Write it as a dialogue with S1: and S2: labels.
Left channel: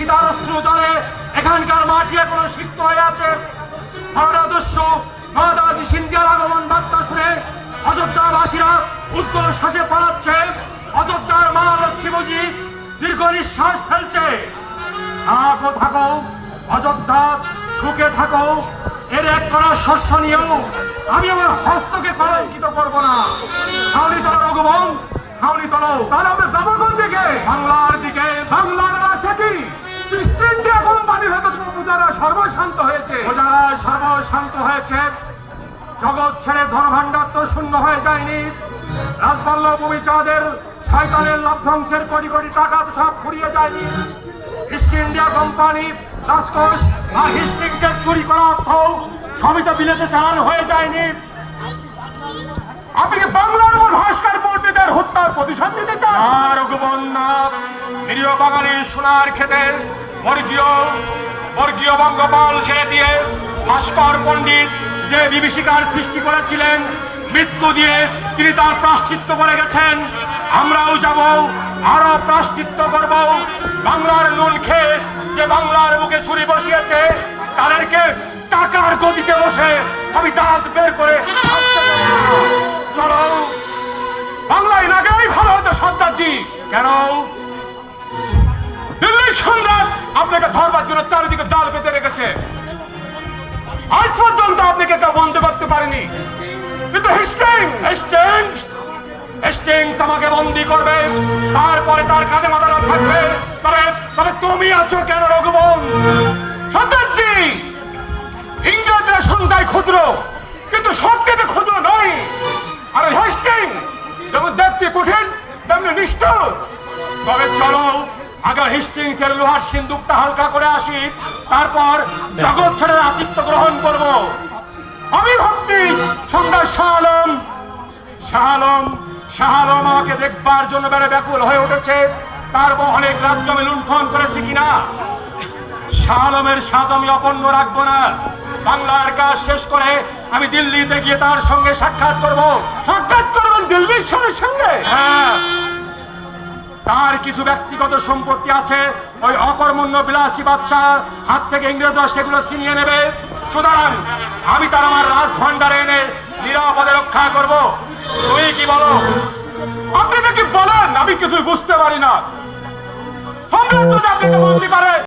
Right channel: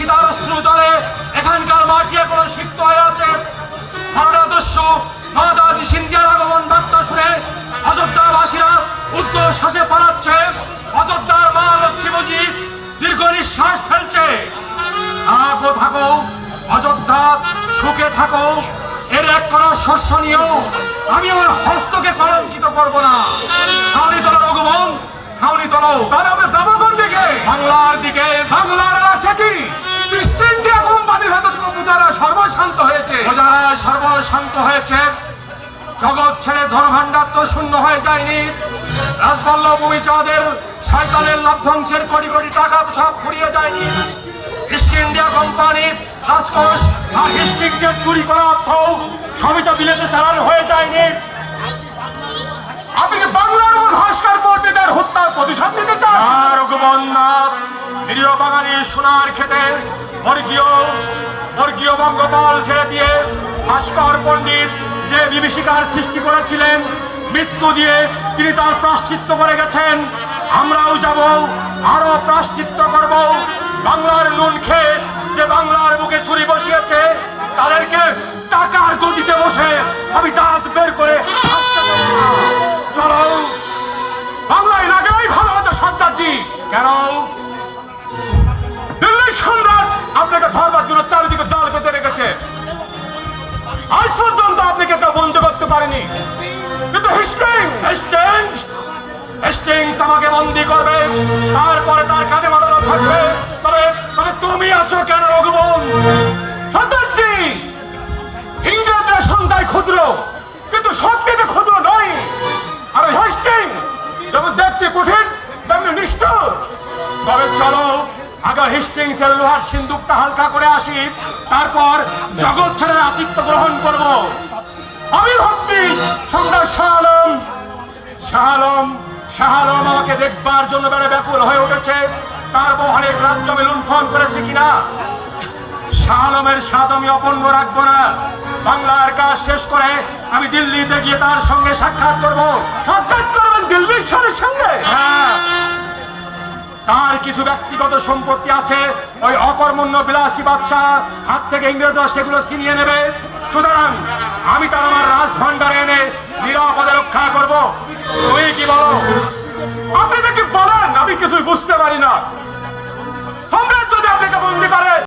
S1: শীতার জলে এখানকার মাটি এখনও সিক্ত হয়ে আছে। মহাদাদস্য মহাদাদি সিন্ধিয়ার আগমন বার্তা শুনে অযোধ্যাবাসীরা উত্তর শ্বাসে পালাচ্ছে। অযোধ্যার মা লক্ষ্মী দীর্ঘ নিঃশ্বাস ফেলছে। থাকো থাকো, অযোধ্যা সুখে থাকো। এর এক করা শস্য নিয়েও আমি আমার হস্তকে কলঙ্কিত করব না। ছাউনি তল রঘুবন ছাউনি তল তাহলে সর্বশান্ত হয়েছে। জগৎ ছেড়ে ধনভাণ্ডার তো শূন্য হয়ে যায়নি। রাজবল্লভ ভূমিচাঁদের শয়তানের লভ্যাংশের কোটি কোটি টাকা সব ফুরিয়ে যায়নি। ইস্ট ইন্ডিয়া কোম্পানি রাজকোষ আর হিস্ট্রিক যে চুরি করা অর্থ সবই তো বিলেতে চালানো হয়ে যায়নি। আপনি বাংলার সোনার ক্ষেতের বর্গীয় বর্গীয় বঙ্গপাল ছেড়ে দিয়ে ভাস্কর পণ্ডিত যে বিভীষিকার সৃষ্টি করেছিলেন, মৃত্যু দিয়ে তিনি তার প্রাশ্চিত্য করে গেছেন। আমরাও যাব আরও প্রাশ্চিত্য করব। বাংলার নুন খেয়ে যে বাংলার বুকে ছুরি বসিয়েছে, তাদেরকে টাকার গদিতে বসে আমি দাঁত বের করে আপনাকে ধরবার জন্য চারিদিকে পেতে রেখেছে। আজ পর্যন্ত আপনাকে বন্ধ করতে পারেনি। কিন্তু হিস্টিং আমাকে বন্দি করবে। তারপরে তার কাজে মাথা থাকবে। তবে তবে তুমি আছো কেন রঘুবন? সন্তানজি ইংরেজরা ক্ষুদ্র, কিন্তু সত্যিতে ক্ষুদ্র তেমনি তবে চলো আগে হেস্টিংস এর লোহার সিন্দুকটা হালকা করে আসি তারপর জগৎ ছেড়ে আতিথ্য গ্রহণ করব। আমি ভাবছি সম্রাট শাহ আলম শাহ আলম শাহ আলম আমাকে দেখবার জন্য বেড়ে ব্যাকুল হয়ে উঠেছে। তার অনেক রাজ্য আমি লুণ্ঠন করেছি কিনা? শাহ আলমের স্বাদ আমি অপন্ন রাখব না। বাংলার কাজ শেষ করে আমি দিল্লিতে গিয়ে তার সঙ্গে সাক্ষাৎ করব। সাক্ষাৎ করবেন দিল্লির সঙ্গে? হ্যাঁ। কিছু ব্যক্তিগত সম্পত্তি আছে, ওই অকর্মণ্য বিলাসী বাদশাহ হাত থেকে ইংরেজরা সেগুলো ছিনিয়ে নেবে। সুতরাং আমি তার আমার রাজ ভান্ডারে এনে নিরাপদে রক্ষা করব। তুমি কি বলো? আপনি কি বলেন, আমি কিছু বুঝতে পারি না।